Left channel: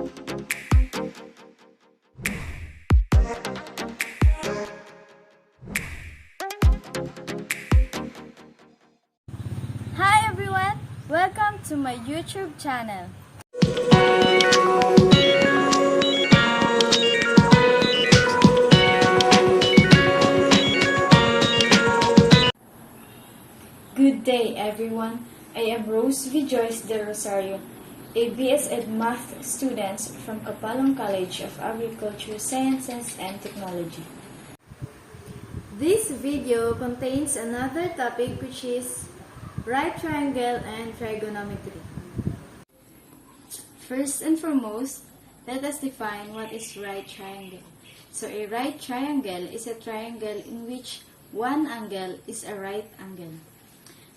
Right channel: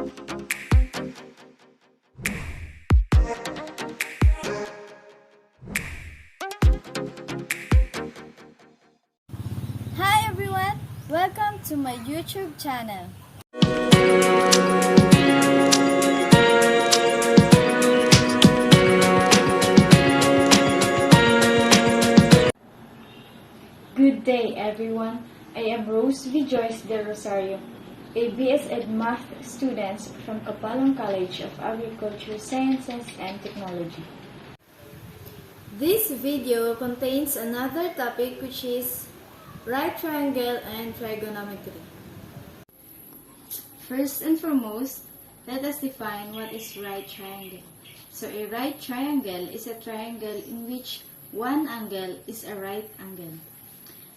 Hi everyone! Welcome to my YouTube channel. Good day everyone. I am Rose V. Joyce de Rosario, a BS Ed Math student from Kapalong College of Agriculture Sciences and Technology. This video contains another topic which is right triangle and trigonometry. First and foremost, let us define what is right triangle. So a right triangle is a triangle in which one angle is a right angle.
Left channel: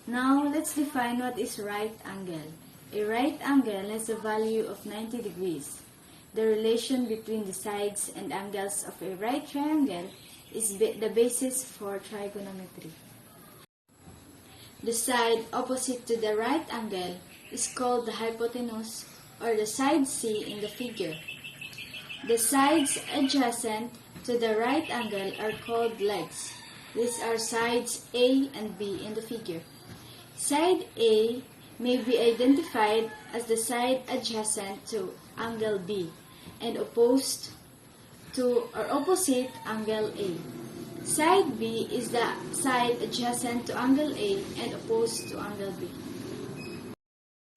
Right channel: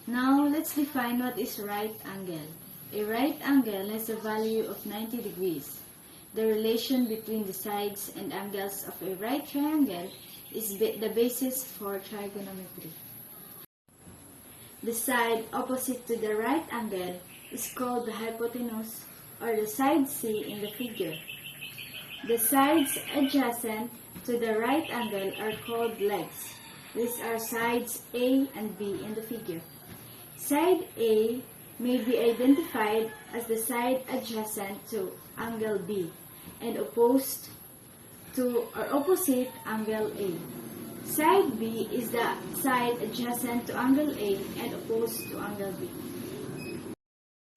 Now, let's define what is right angle. A right angle has a value of 90 degrees. The relation between the sides and angles of a right triangle is the basis for trigonometry. The side opposite to the right angle is called the hypotenuse or the side C in the figure. The sides adjacent to the right angle are called legs. These are sides A and B in the figure. Side A may be identified as the side adjacent to angle B and opposed to or opposite angle A. Side B is the side adjacent to angle A and opposed to angle B.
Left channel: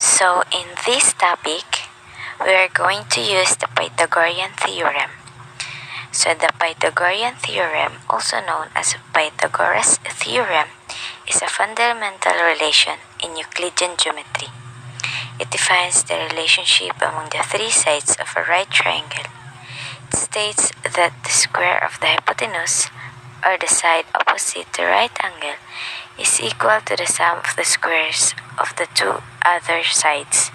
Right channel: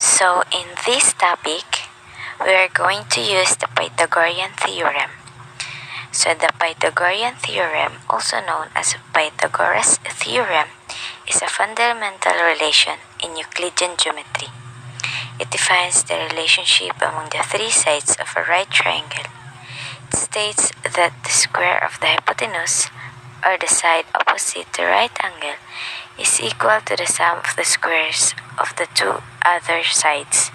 So in this topic, we are going to use the Pythagorean theorem. So the Pythagorean theorem, also known as Pythagoras theorem, is a fundamental relation in Euclidean geometry. It defines the relationship among the three sides of a right triangle. It states that the square of the hypotenuse, or the side opposite the right angle, is equal to the sum of the squares of the two other sides.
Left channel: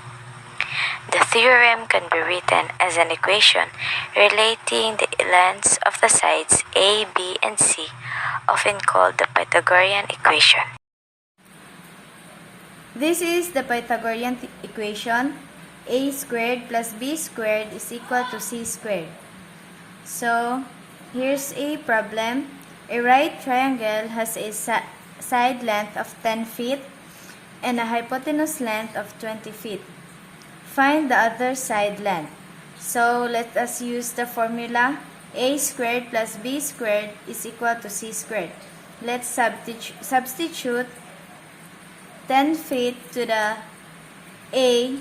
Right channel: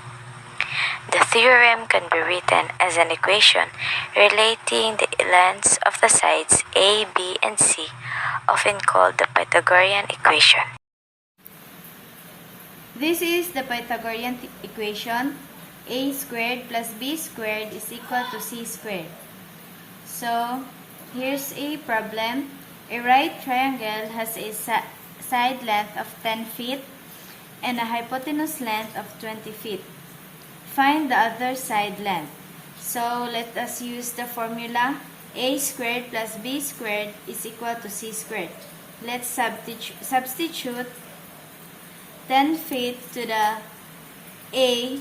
The theorem can be written as an equation relating the lengths of the sides A, B, and C, often called the Pythagorean equation. This is the Pythagorean equation. A squared plus B squared is equal to C squared. So, here's a problem. A right triangle has a side length of 10 feet and a hypotenuse length of 20 feet. Find the other side length. So, let us use the formula A squared plus B squared is equal to C squared. Let's substitute 10 feet to the A.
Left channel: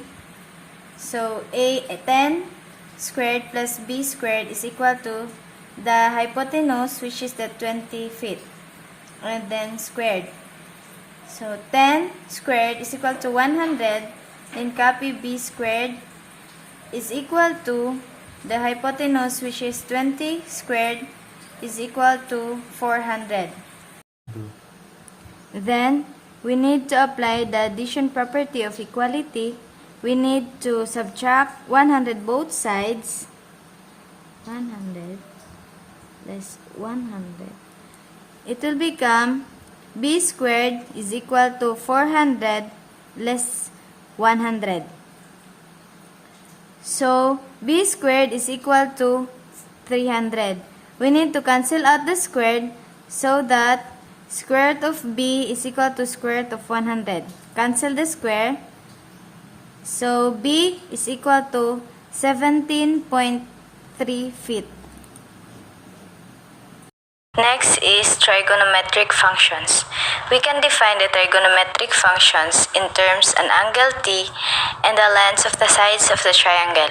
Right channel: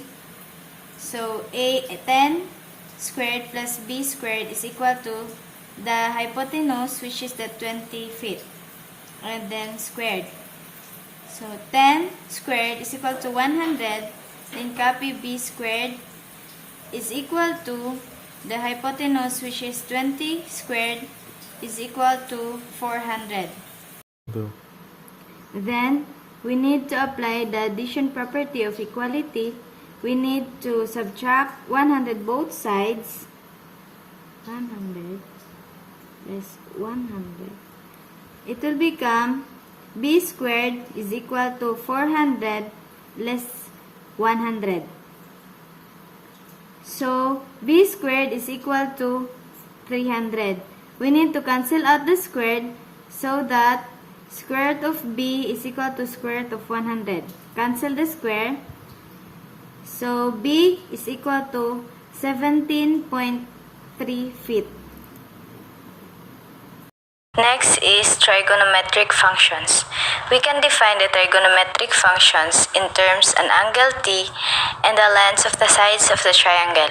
So, 10 squared plus B squared is equal to the hypotenuse, which is the 20 feet. And then squared. So, 10 squared is equal to 100. And copy B squared is equal to the hypotenuse, which is 20 squared, is equal to 400. Then, we need to apply the addition property of equality. We need to subtract 100 both sides. 100 less 100. It will become B squared is equal to 400 less 100. So, B squared is equal to 300. We need to cancel out the squared so that square root of B is equal to square root of 100. Cancel the square. So, B is equal to 17.3 feet. Next is trigonometric functions. We can define the trigonometric functions in terms an angle T and the lengths of the sides of the triangle.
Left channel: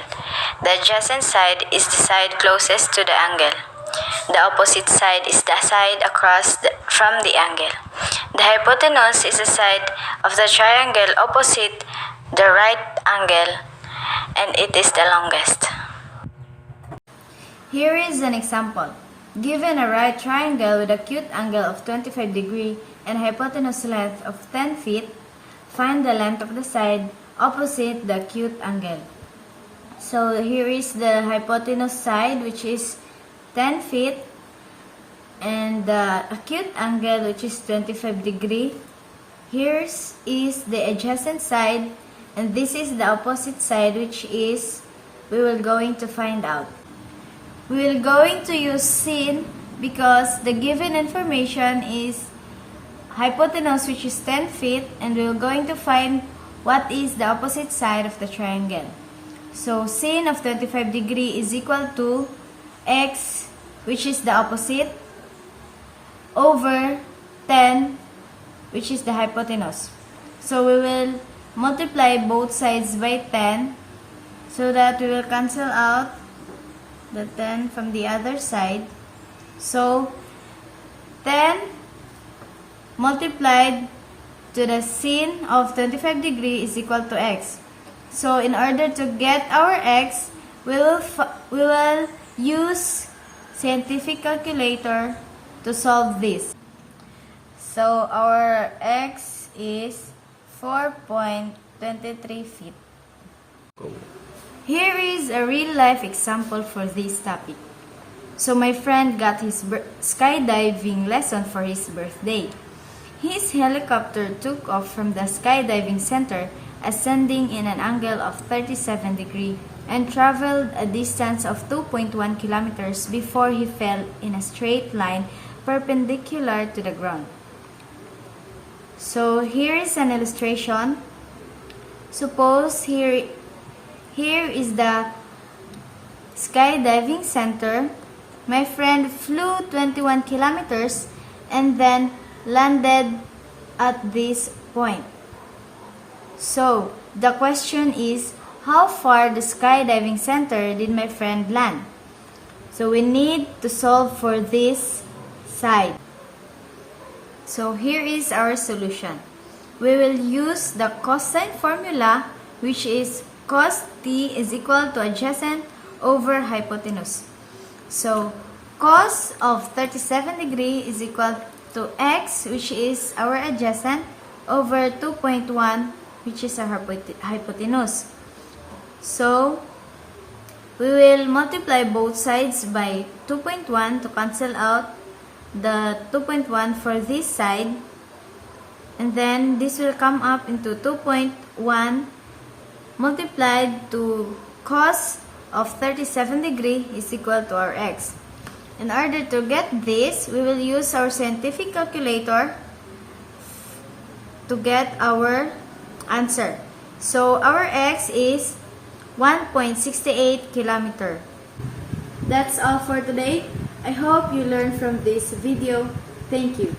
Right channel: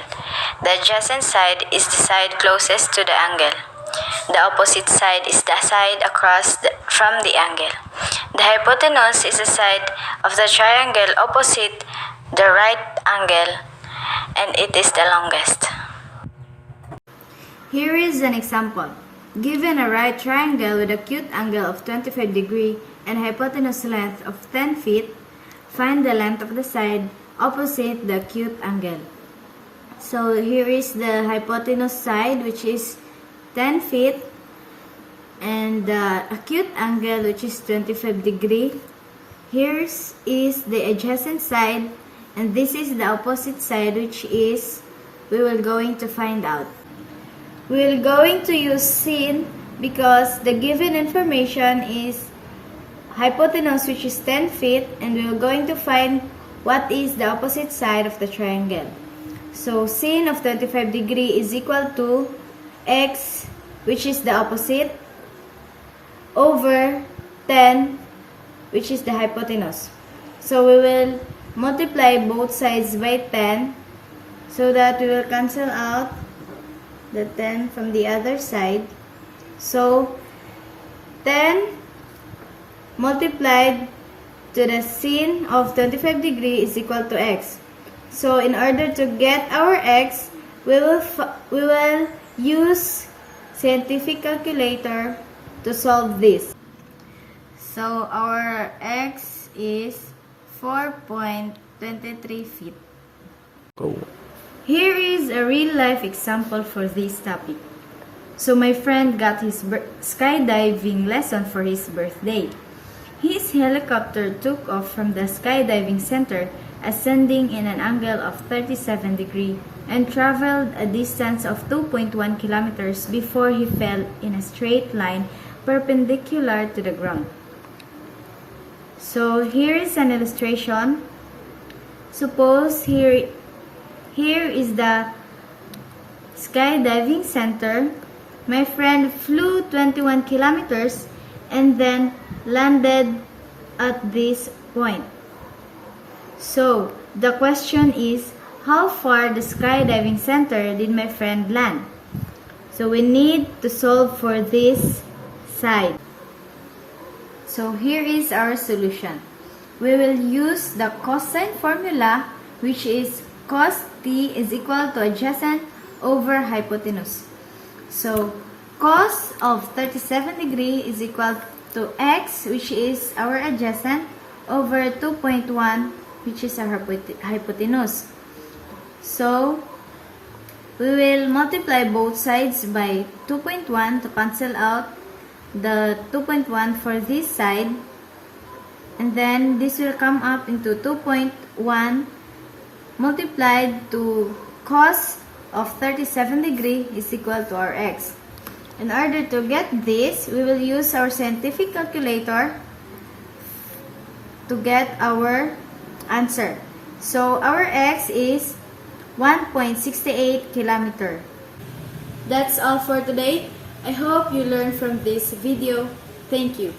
The adjacent side is the side closest to the angle. The opposite side is the side across from the angle. The hypotenuse is the side of the triangle opposite the right angle, and it is the longest. Here is an example. Given a right triangle with acute angle of 25 degrees and hypotenuse length of 10 feet, find the length of the side opposite the acute angle. So here is the hypotenuse side, which is 10 feet, and the acute angle, which is 25 degrees. Here is the adjacent side, and this is the opposite side, which is we will going to find out. We will going to use sin because the given information is hypotenuse, which is 10 feet, and we are going to find what is the opposite side of the triangle. So sin of 25 degree is equal to x, which is the opposite, over 10, which is the hypotenuse. So we will multiply both sides by 10 so that we will cancel out the 10 from the other side. So 10 multiplied to the sin of 25 degree is equal to x. So in order to get our x, we will use scientific calculator to solve this. So our x is 4.23 feet. Go. Here is a real life example for this topic. So my friend got his skydiving lesson for his birthday. His helicopter took off from the skydiving center, ascending in an angle of 37 degrees and traveled a distance of 2.1 kilometers before he fell in a straight line perpendicular to the ground. So here is an illustration. Suppose here is the skydiving center. My friend flew 21 kilometers and then landed at this point. So the question is, how far the skydiving center did my friend land? So we need to solve for this side. So here is our solution. We will use the cosine formula, which is cos t is equal to adjacent over hypotenuse. So cos of 37 degree is equal to x, which is our adjacent, over 2.1, which is our hypotenuse. So we will multiply both sides by 2.1 to cancel out the 2.1 for this side, and then this will come up into 2.1 multiplied to cos of 37 degree is equal to our x. In order to get this, we will use our scientific calculator to get our answer. So our x is 1.68 kilometer. That's all for today. I hope you learned from this video. Thank you.